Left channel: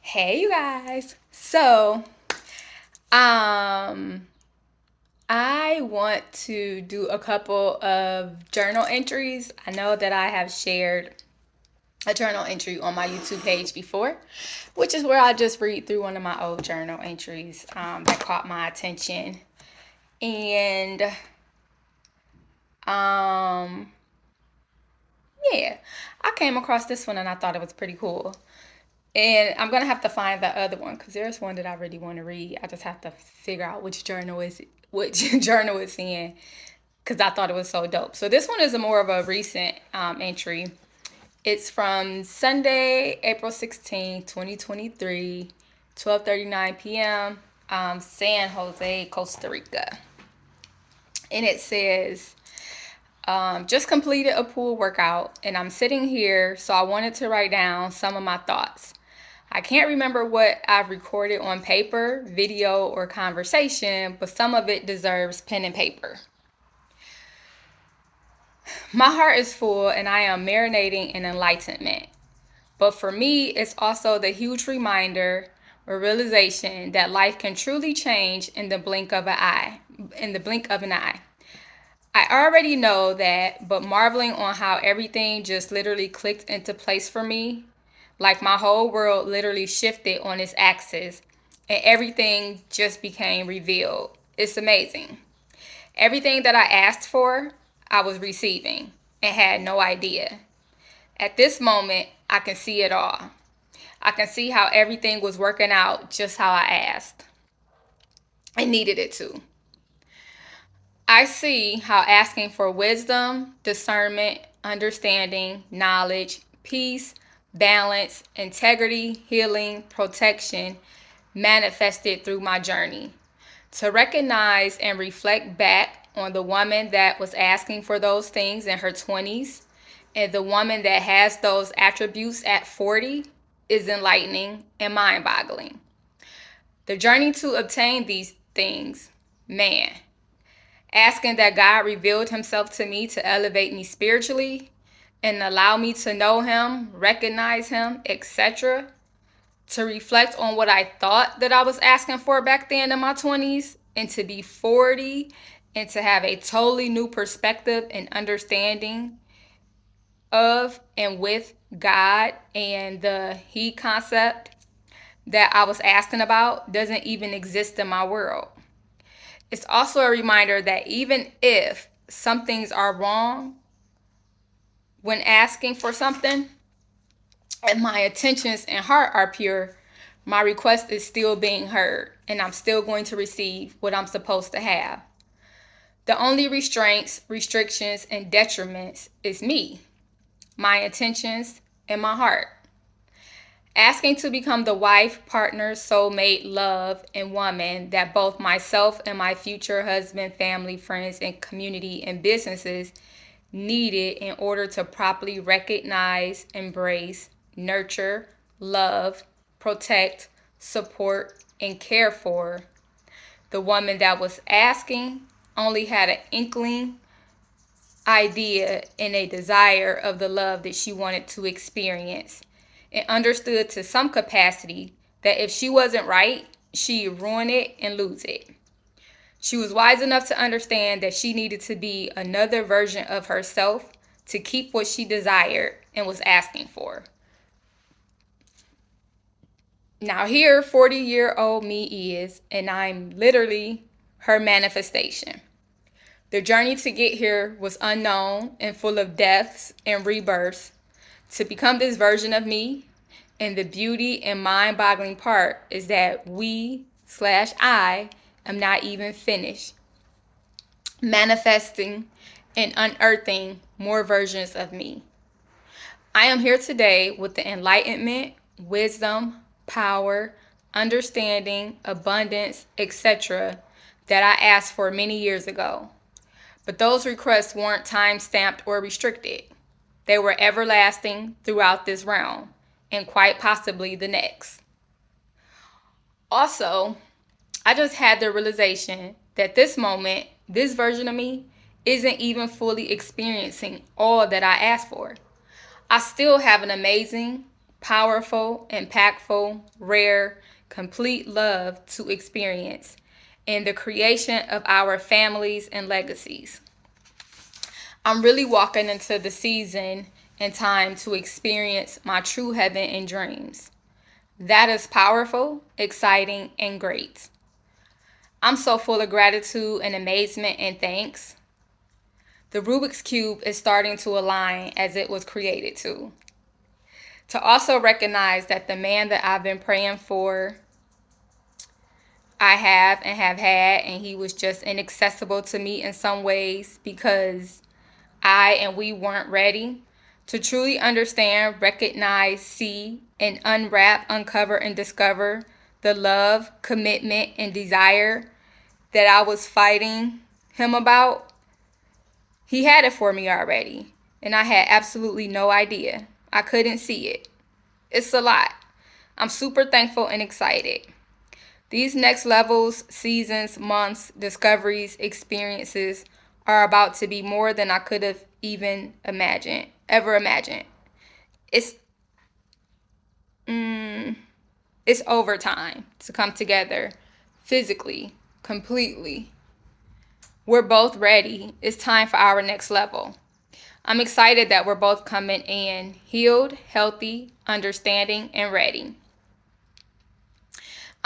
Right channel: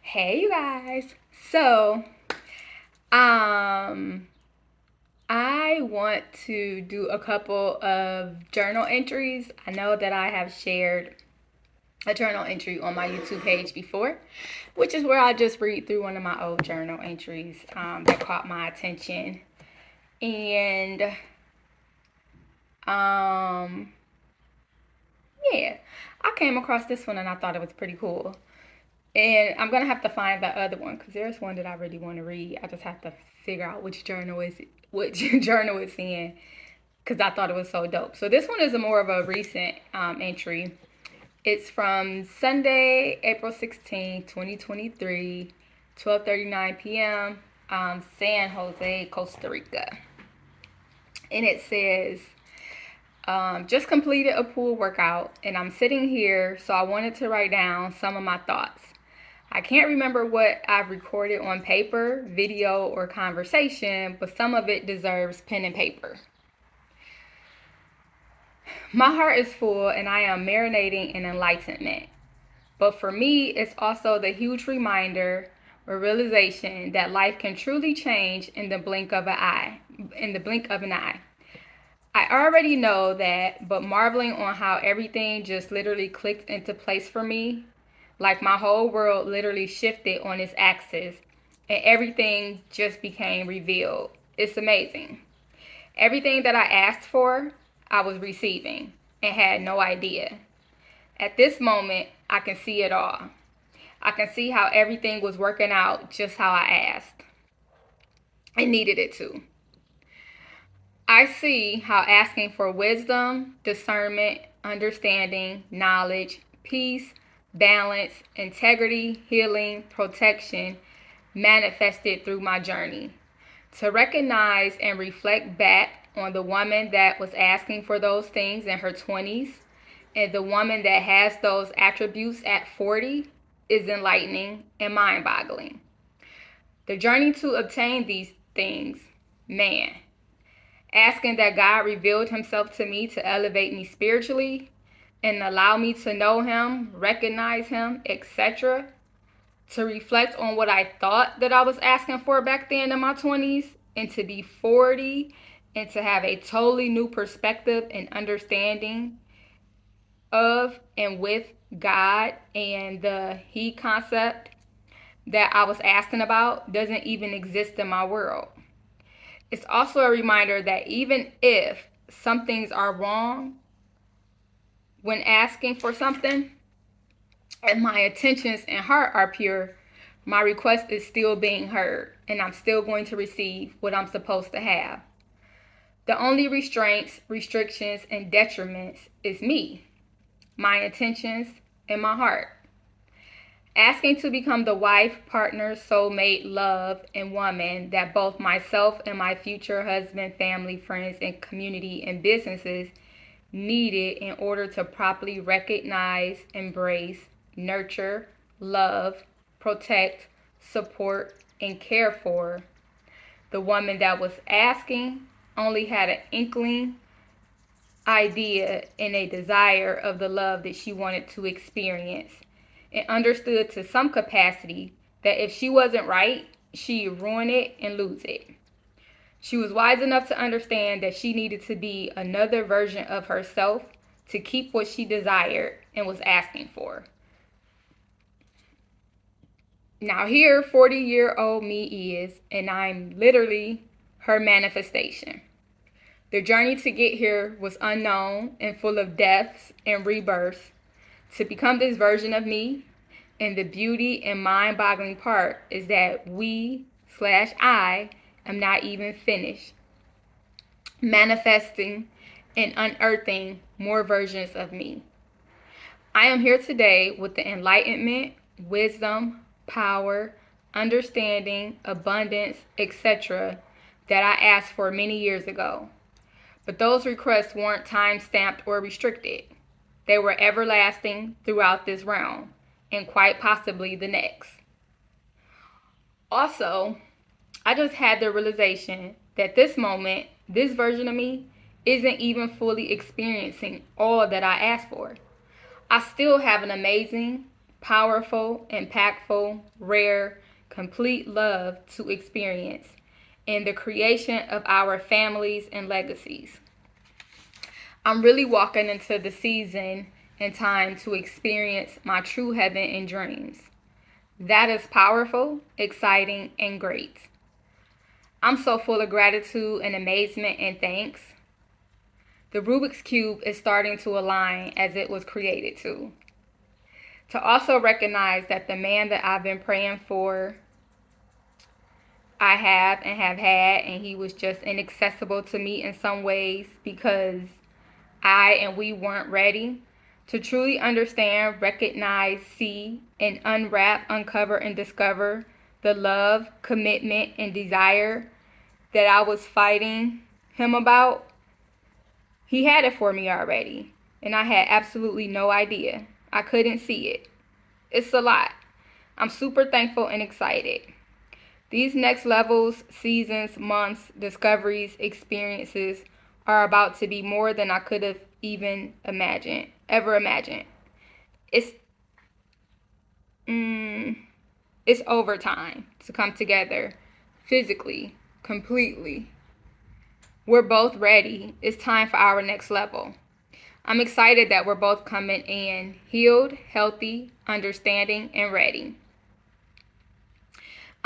Hey, you guys. Um, I want to do a couple of journal entries. I know that I have shared a journal entry on my YouTube page before, which is where I just read through one of my old journal entries that caught my attention. And um, yeah, I came across this one and I thought it was pretty cool. And I'm gonna have to find the other one because there's one that I really want to read. I just have to figure out which journal it's in because I thought it was so dope. So this one is a more of a recent entry. It's from Sunday, April 16, 2023, 12:39 p.m. San Jose, Costa Rica. And it says, just completed a pool workout and I'm sitting here, so I wanted to write down some of my thoughts. I can't remember what I've recorded on paper, video, or conversation, but some of it deserves pen and paper. My heart is full and I am marinating in enlightenment. But for me, it's also the huge reminder or realization that life can truly change in the blink of an eye. In the blink of an eye. I already know that, but marveling on how everything just literally clicked into place for me, like my whole world literally shifted on its axis and everything just became revealed. It's amazing. Everything that I asked for, I was receiving and had no idea. At this moment, I can see it all. I can see how everything was working out just how I asked and needed it to. I see how asking for wisdom, discernment, understanding, knowledge, peace, balance, integrity, healing, protection manifested through my journey. To recognize and reflect back on the woman that was asking for those things in her 20s and the woman that has those attributes at 40 is enlightening and mind boggling. The journey to obtain these things, man, asking that God revealed himself to me to elevate me spiritually and allow me to know him, recognize him, etc. To reflect on what I thought that I was asking for back then in my 20s and to be 40 and to have a totally new perspective and understanding of and with God and the he concept that I was asking about doesn't even exist in my world. It's also a reminder that even if some things are wrong when asking for something and my intentions and heart are pure, my request is still being heard and I'm still going to receive what I'm supposed to have. The only restraints, restrictions, and detriments is me, my intentions, and my heart. Asking to become the wife, partner, soulmate, love, and woman that both myself and my future husband, family, friends, and community and businesses needed in order to properly recognize, embrace, nurture, love, protect, support, and care for. The woman that was asking only had an inkling idea and a desire of the love that she wanted to experience and understood to some capacity that if she wasn't right, she'd ruin it and lose it. She was wise enough to understand that she needed to be another version of herself to keep what she desired and was asking for. Now, here, 40-year-old me is, and I'm literally her manifestation. The journey to get here was unknown and full of deaths and rebirths to become this version of me. And the beauty and mind boggling part is that I am not even finished manifesting and unearthing more versions of me. I am here today with the enlightenment, wisdom, power, understanding, abundance, etc. that I asked for many years ago. But those requests weren't time stamped or restricted. They were everlasting throughout this realm and quite possibly the next. Also, I just had the realization that this moment, this version of me, isn't even fully experiencing all that I asked for. I still have an amazing, powerful, impactful, rare, complete love to experience in the creation of our families and legacies. I'm really walking into the season and time to experience my true heaven in dreams. That is powerful, exciting, and great. I'm so full of gratitude and amazement and thanks. The Rubik's Cube is starting to align as it was created to. To also recognize that the man that I've been praying for, I have and have had, and he was just inaccessible to me in some ways because I and we weren't ready to truly understand, recognize, see, and unwrap, uncover, and discover the love, commitment, and desire that I was fighting him about. He had it for me already, and I had absolutely no idea. I couldn't see it. It's a lot. I'm super thankful and excited. These next levels, seasons, months, discoveries, experiences are about to be more than I could have even ever imagined. It's it's overtime to come together physically, completely. We're both ready. It's time for our next level. I'm excited that we're both coming in healed, healthy, understanding, and ready.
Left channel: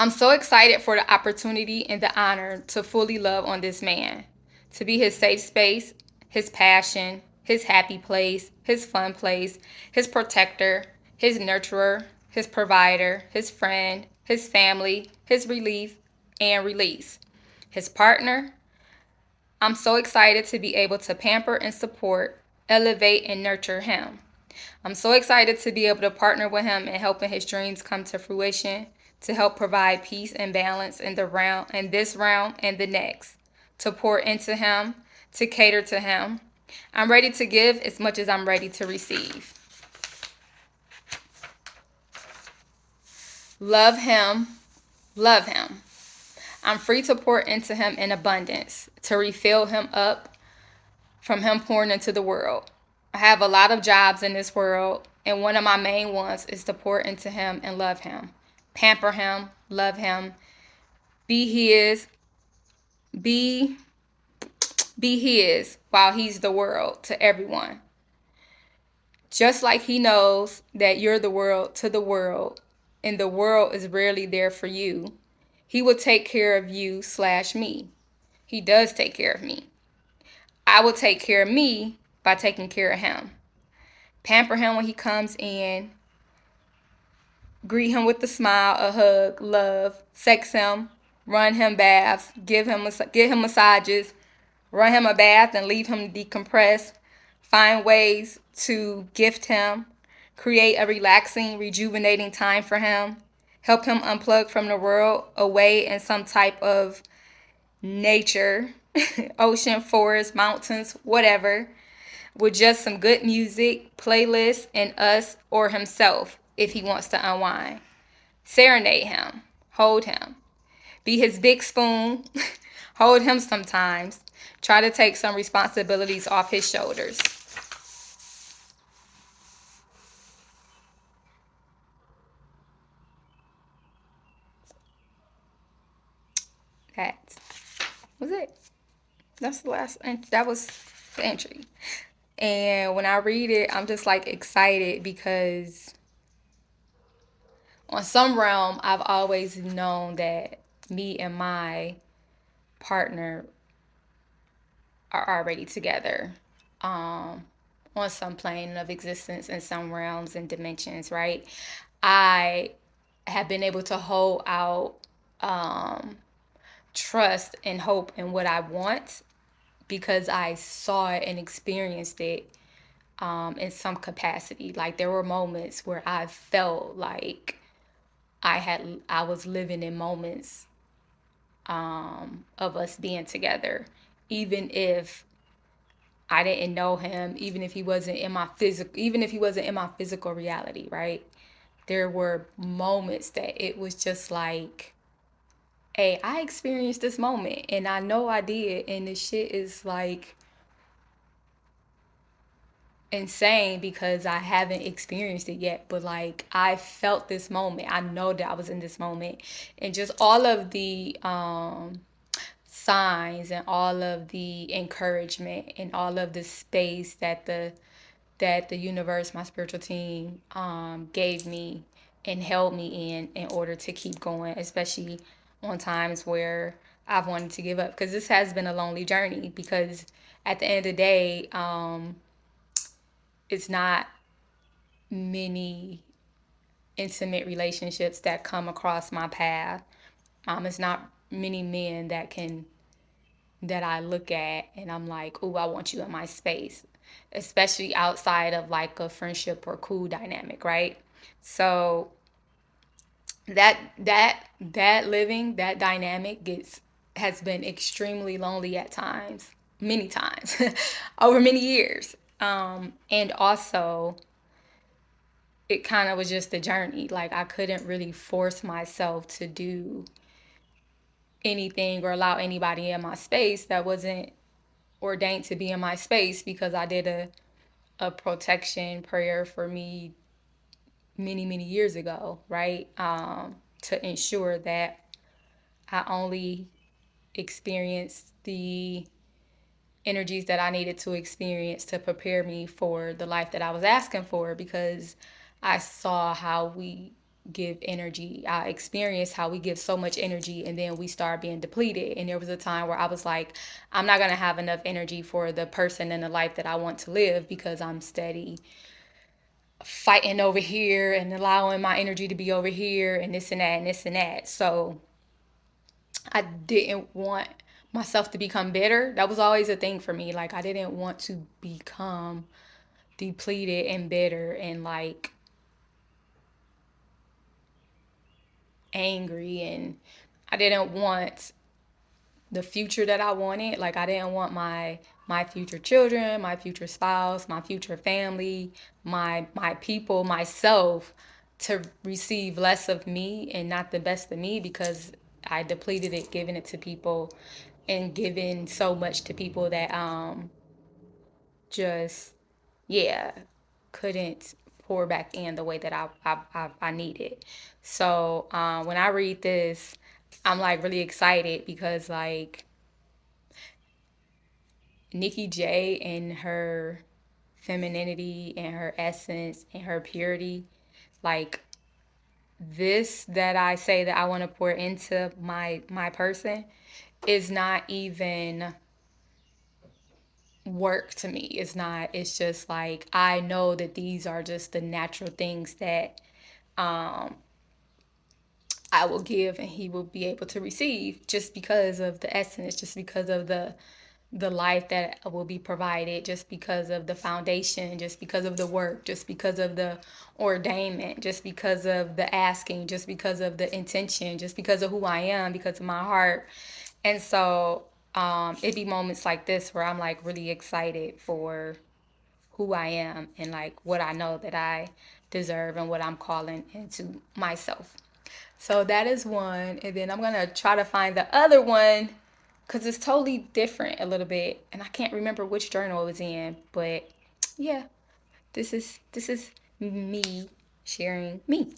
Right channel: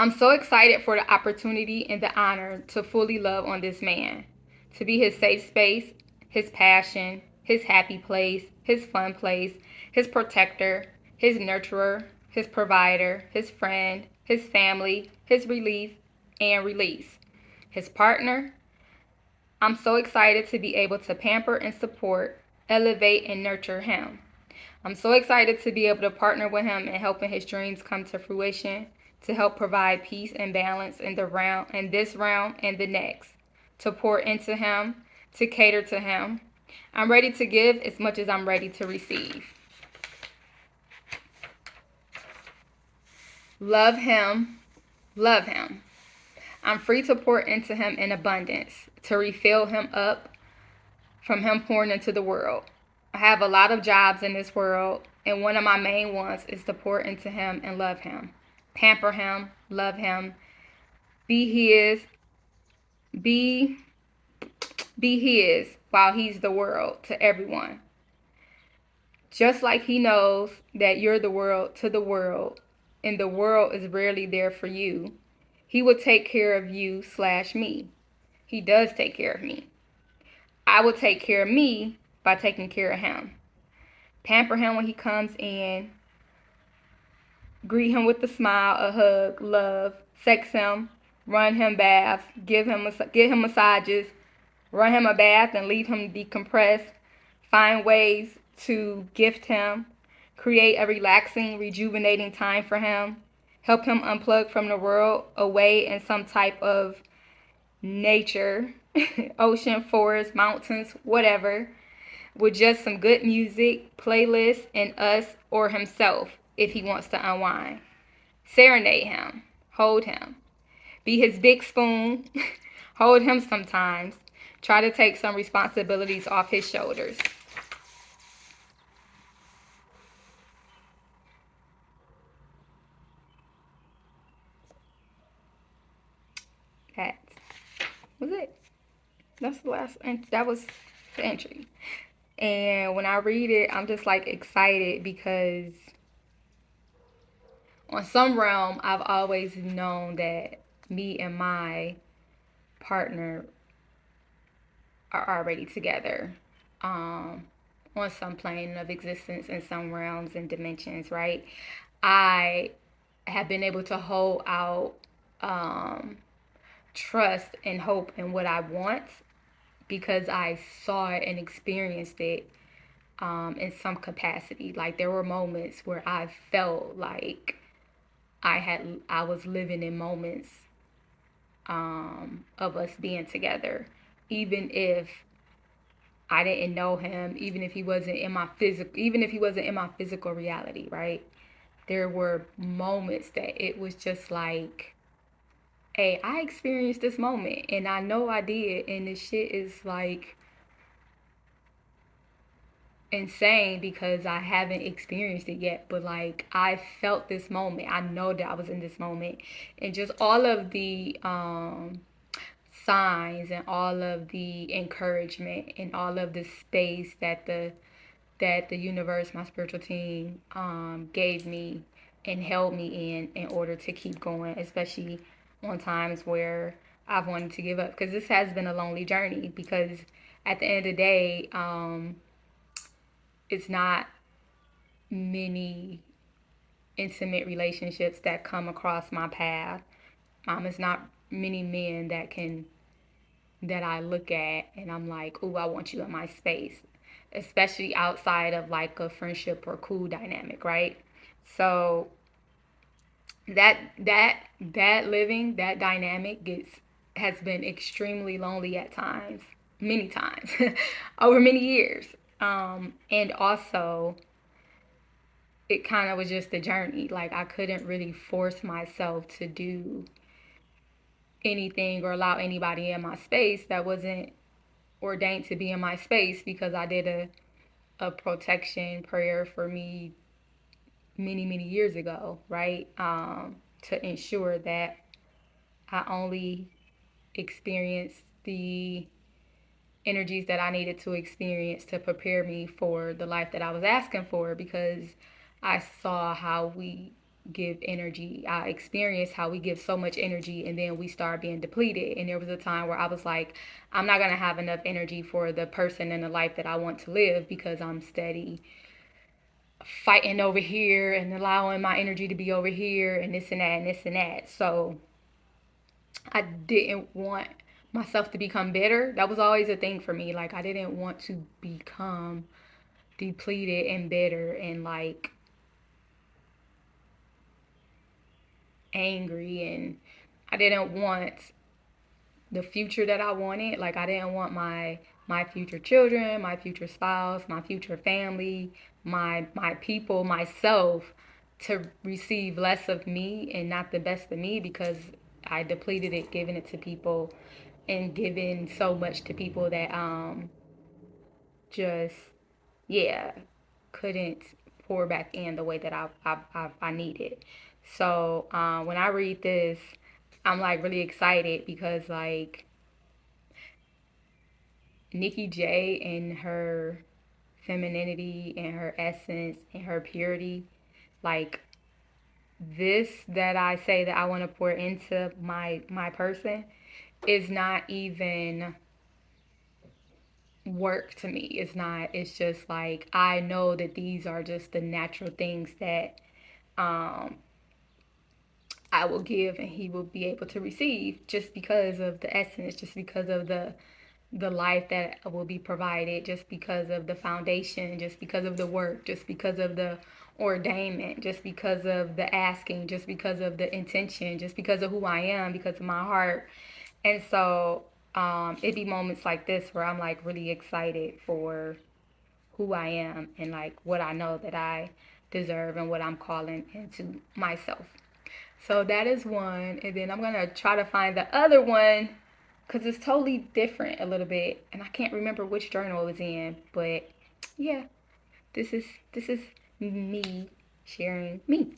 I'm so excited for the opportunity and the honor to fully love on this man, to be his safe space, his passion, his happy place, his fun place, his protector, his nurturer, his provider, his friend, his family, his relief and release, his partner. I'm so excited to be able to pamper and support, elevate and nurture him. I'm so excited to be able to partner with him in helping his dreams come to fruition, to help provide peace and balance in this realm and the next, to pour into him, to cater to him. I'm ready to give as much as I'm ready to receive. Love him, love him. I'm free to pour into him in abundance, to refill him up from him pouring into the world. I have a lot of jobs in this world, and one of my main ones is to pour into him and love him, pamper him, love him, be his, be his while he's the world to everyone. Just like he knows that you're the world to the world, and the world is rarely there for you, he will take care of you/me. He does take care of me. I will take care of me by taking care of him. Pamper him when he comes in. Greet him with a smile, a hug, love. Sex him. Run him baths. Give him massages. Run him a bath and leave him decompress. Find ways to gift him. Create a relaxing, rejuvenating time for him. Help him unplug from the world, away in some type of nature, ocean, forest, mountains, whatever, with just some good music, playlists, and us or himself if he wants to unwind. Serenade him, hold him, be his big spoon, hold him sometimes, try to take some responsibilities off his shoulders. That was it. That's the last, that was the entry. And when I read it, I'm just like excited because on some realm, I've always known that me and my partner are already together on some plane of existence in some realms and dimensions, right? I have been able to hold out trust and hope in what I want because I saw it and experienced it in some capacity. Like there were moments where I felt like I was living in moments of us being together, even if I didn't know him, even if he wasn't in my physical reality, right? There were moments that it was just like, hey, I experienced this moment and I know I did, and this shit is like insane because I haven't experienced it yet, but like I felt this moment. I know that I was in this moment, and just all of the signs and all of the encouragement and all of the space that the universe, my spiritual team, gave me and held me in order to keep going, especially on times where I've wanted to give up. Because this has been a lonely journey. Because at the end of the day, it's not many intimate relationships that come across my path. It's not many men that I look at and I'm like, oh, I want you in my space, especially outside of like a friendship or cool dynamic, right? So that living that dynamic gets has been extremely lonely at times, many times, over many years. And also it kind of was just a journey. Like I couldn't really force myself to do anything or allow anybody in my space that wasn't ordained to be in my space because I did a protection prayer for me many years ago, right? To ensure that I only experienced the energies that I needed to experience to prepare me for the life that I was asking for, because I saw how we give energy. I experienced how we give so much energy and then we start being depleted. And there was a time where I was like, I'm not going to have enough energy for the person and the life that I want to live because I'm steady fighting over here and allowing my energy to be over here and this and that and this and that. So I didn't want myself to become bitter. That was always a thing for me. Like I didn't want to become depleted and bitter and like angry, and I didn't want the future that I wanted. Like I didn't want my future children, my future spouse, my future family, my people, myself to receive less of me and not the best of me because I depleted it, giving it to people and giving so much to people that just yeah couldn't pour back in the way that I needed. So when I read this, I'm like really excited because like Nikki J and her femininity and her essence and her purity, like this that I say that I want to pour into my person is not even work to me. It's not, it's just like I know that these are just the natural things that um I will give and he will be able to receive just because of the essence, just because of the life that will be provided, just because of the foundation, just because of the work, just because of the ordainment, just because of the asking, just because of the intention, just because of who I am, because of my heart. And so it'd be moments like this where I'm like really excited for who I am and like what I know that I deserve and what I'm calling into myself. So that is one. And then I'm going to try to find the other one because it's totally different a little bit. And I can't remember which journal it was in. But yeah, this is me sharing me.